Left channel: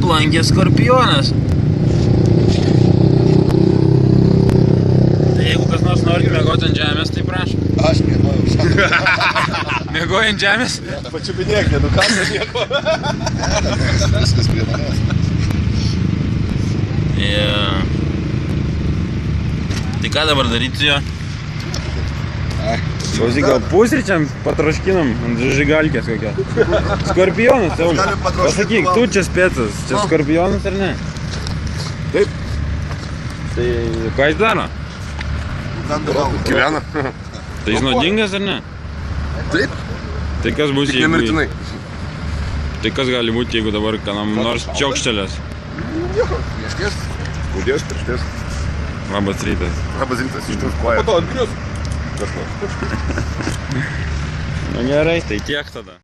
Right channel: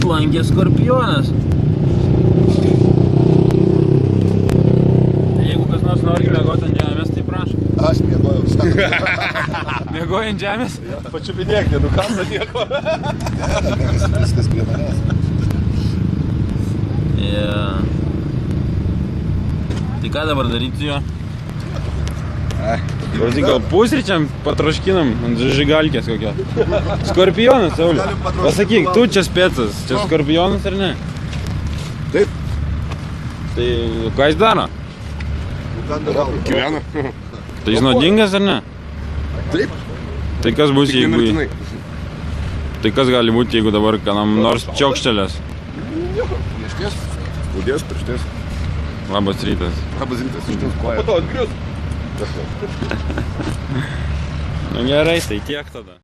aplankė skorpionas. Tai jeigu kas nors nori mėgoti ant žemės, tai prašau. Aš mėgojau. Mėgoji ant žemės? Pačiupinėkė, nu ką aš mėgojau. Viskas prie manęs. Yeah. Tai ką dabar daryti su juo? Klausyk, gal pusryčiam patroškinam ant žigalkės kokią. Skorpionas, jau. Pasakyk, tu čia spėcas, čia skorpionas ar ne? Taip. Tai ką jis daro? Gyvena. Tai jis nuodingas ar ne? Taip. Tai kas bus, Tik nemirtinai. Tai kas gali būti, jeigu dabar kam nors čiaukštelės? Priešties. Skaudės priešties. Labas rytas. Labas rytas, ištas koja. Nu gerai, tai tiek tada.